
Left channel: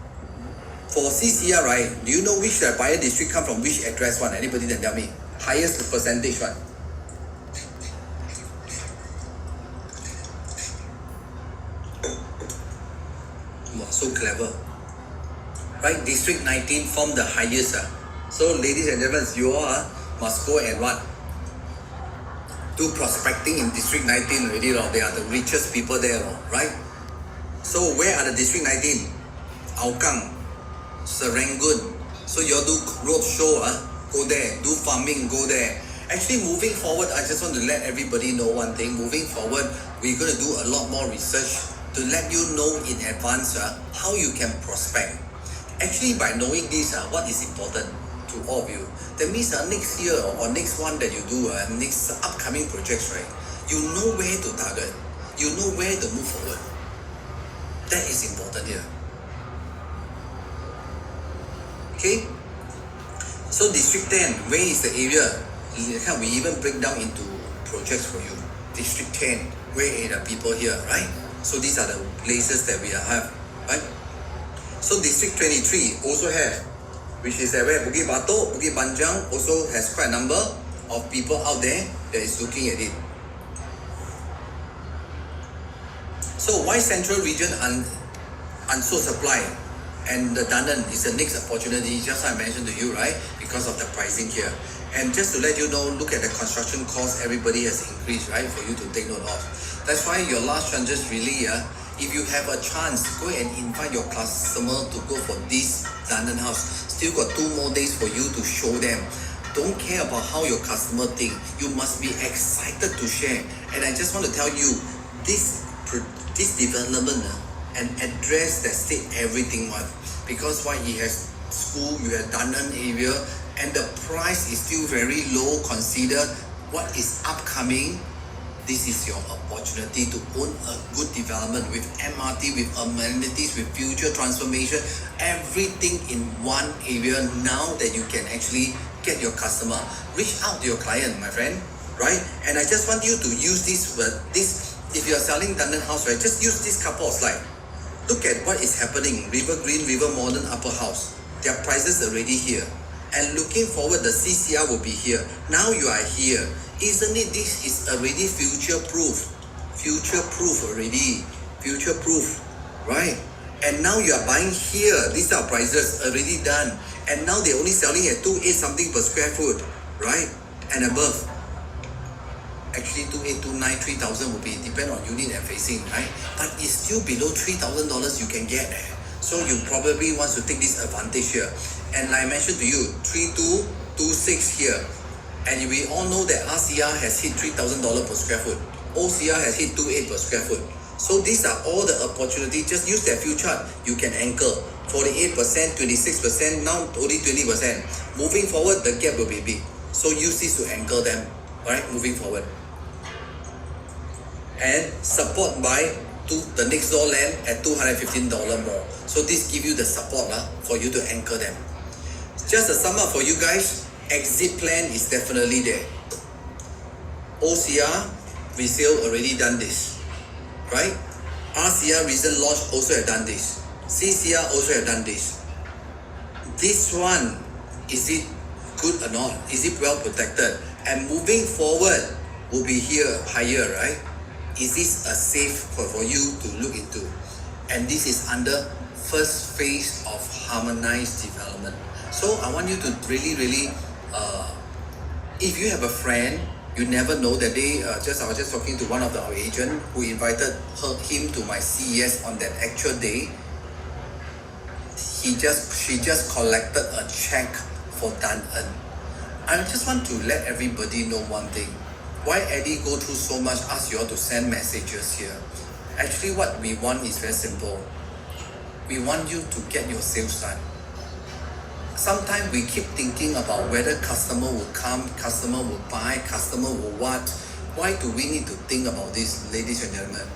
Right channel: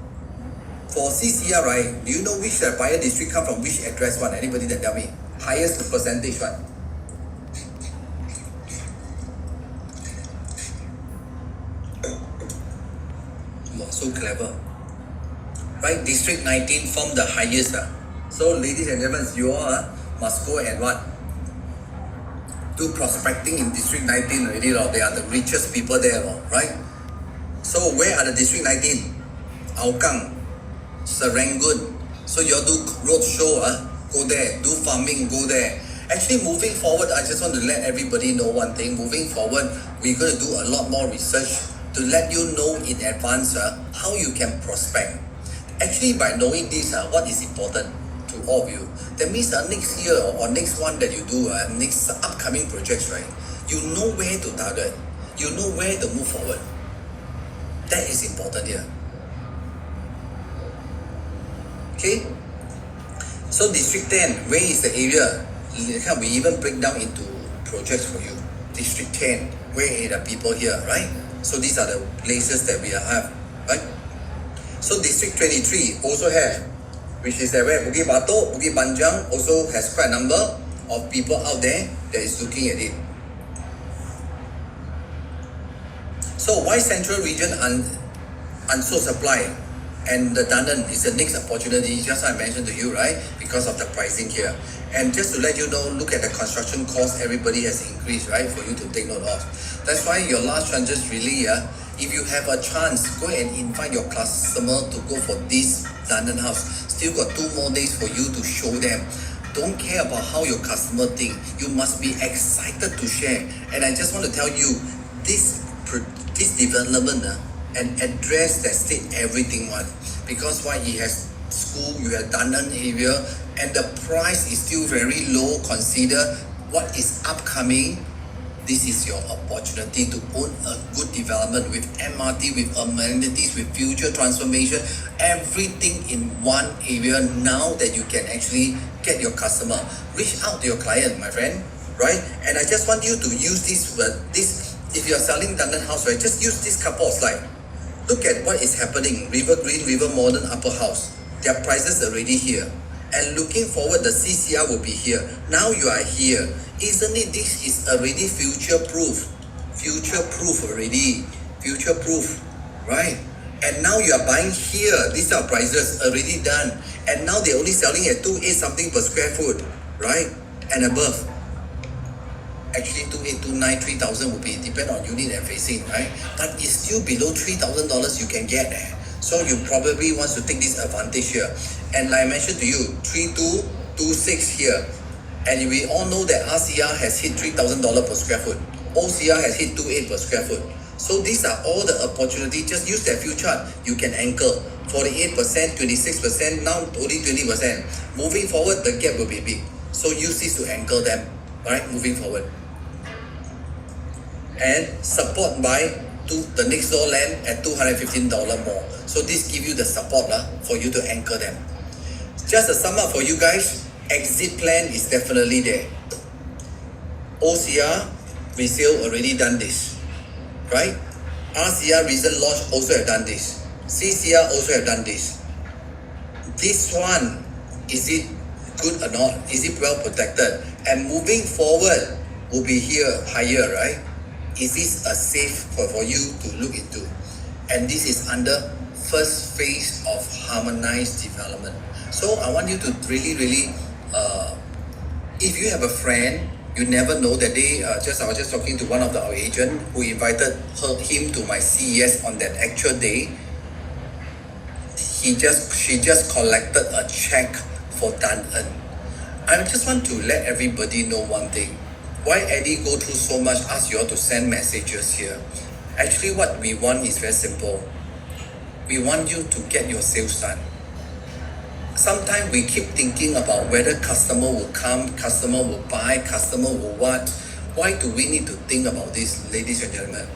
For CCR, right, do you know which buyer district come from which address one? Anybody that tell me? Highest percentage one. Wow, so clever. Right, District 19 form the highest. So ladies and gentlemen, you all must go and what? Do prospecting in District 19 already. They are the richest people there, right? So where are the District 19? Hougang, Serangoon. So you all do road show, go there, do farming, go there. Actually, moving forward, I just want to let everybody know one thing. Moving forward, we're going to do a lot more research to let you know in advance how you can prospect. Actually, by knowing this, what is important to all of you, that means next year or next one that you do, next upcoming projects, right? You know where to target. You know where to move forward. That is important here. Okay? So District 10, where is the area? We even break down into projects for you. District 10, where are the people here, right? So these are the places that we have, right? So District 23 also have, which is where Bukit Batok, Bukit Panjang also has quite a number of people out there that is looking at it. So why Central Region unsold supply? And the Dunnan is the next opportunity, just I mentioned to you, right? Because of the pricing here. And just to let you know, look at the construction cost, everybody has increased, right? For you to take note of. That's why your last chances really, if you have a chance, go and invite your customer to go for this Dunnan house. Still got 2 more days for you to show them. Don't care about how your customer think. You must be excited to share. And I just want to tell you, this development, an address that state everything one, because why, he has school, you have Dunnan area, and the price is still very low. Consider what is upcoming. This is your opportunity to own a good development with MRT, with amenities, with future transformation, everything in one area. Now that you can actually get your customer, reach out to your client, my friend, right? And I just want you to use this if you are selling Dunnan house, right, just use this couple of slides. Look at what is happening. River Green, River Modern, Upper House. Their prices already here. And looking forward, the CCR will be here. Now you are here. Isn't it, this is already future-proof? Future-proof already. Future-proof, right? And now you are buying here. These are prices already done. And now they're only selling at 2.8 something per square foot, right? And above. Actually 2.8, 2.9, 3,000 will be depend on unit and facing, right? But it's still below $3,000 you can get there. So you probably want to take this advantage here. And like I mentioned to you, 3.2, 2.6 here. And we all know that RCR has hit $3,000 per square foot. OCR has hit 2.8 per square foot. So these are all the opportunities. Just use that few chart. You can anchor 48%, 26%, now only 20%. Moving forward, the gap will be big. So use this to anchor them, right? Moving forward. And support by the next door land at $215 more. So this give you the support for you to anchor them. Just a sum up for you guys, exit plan is definitely there. OCR resale already done this, right? RCR recent launch also have done this. CCR also have done this. This one, is it good or not? Is it well protected? And moving forward will be here higher, right? Is this a safe for you to look into? And this is under first phase of harmonized development. So I want you to really, if you have a friend, you never know that day. I was just talking to one of our agent who invited him to my CES on that actual day. She just collected a check for Dunnan. I just want to let everybody know one thing. Why Eddie go through so much, ask you all to send messages here? Actually, what we want is very simple. We want you to get your sales done. Sometimes we keep thinking about whether customer will come, customer will buy, customer will what. Why do we need to think about this, ladies and gentlemen?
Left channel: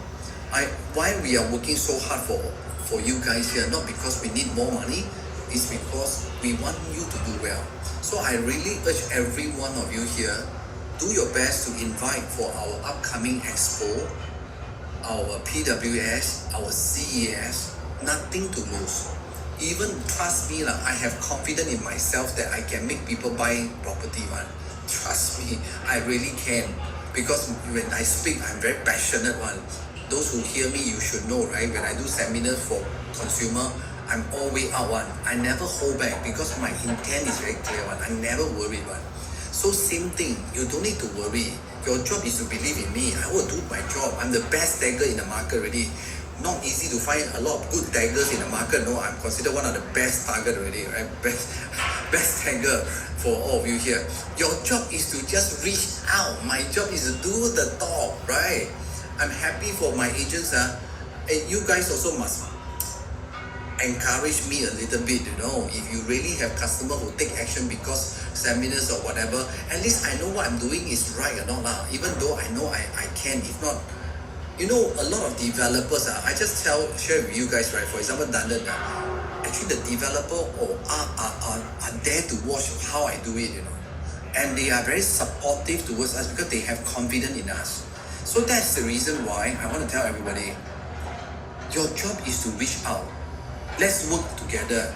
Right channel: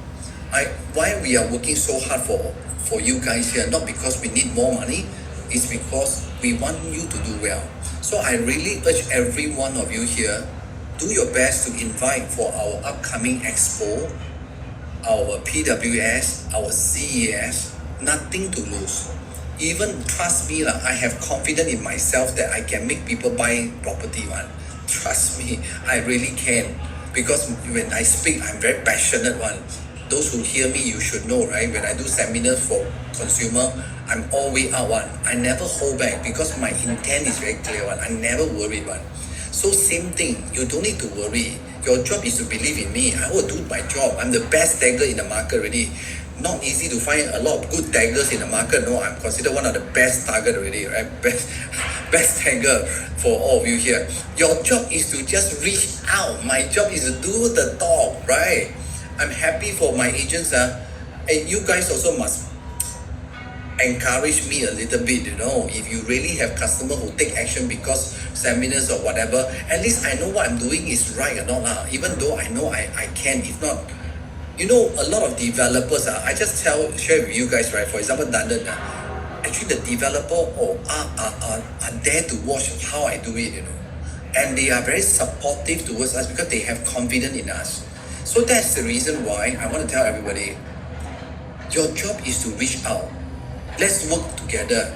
Why we are working so hard for you guys here, not because we need more money, it's because we want you to do well. So I really urge every one of you here, do your best to invite for our upcoming expo, our PWS, our CES, nothing to lose. Even trust me, I have confidence in myself that I can make people buy property one. Trust me, I really can. Because when I speak, I'm very passionate one. Those who hear me, you should know, right? When I do seminars for consumer, I'm always out one. I never hold back because my intent is very clear one. I never worry one. So same thing, you don't need to worry. Your job is to believe in me. I will do my job. I'm the best tagger in the market already. not easy to find a lot of good taggers in the market. No, I'm considered one of the best target already, right? Best tagger for all of you here. Your job is to just reach out. My job is to do the talk, right? I'm happy for my agents. And you guys also must encourage me a little bit, if you really have customers who take action because seminars or whatever, at least I know what I'm doing is right or not lah. Even though I know I can, if not, a lot of developers, I just share with you guys, right? For example, London, actually the developer are there to watch how I do it, and they are very supportive towards us because they have confidence in us. So that's the reason why I want to tell everybody, your job is to reach out. Let's work together.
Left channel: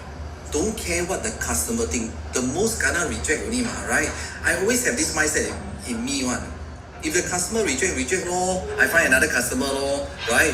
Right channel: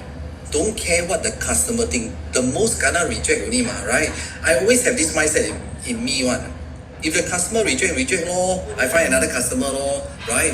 Don't care what the customer think. The most gonna reject only, right? I always have this mindset in me one. If the customer reject lor, I find another customer lor, right?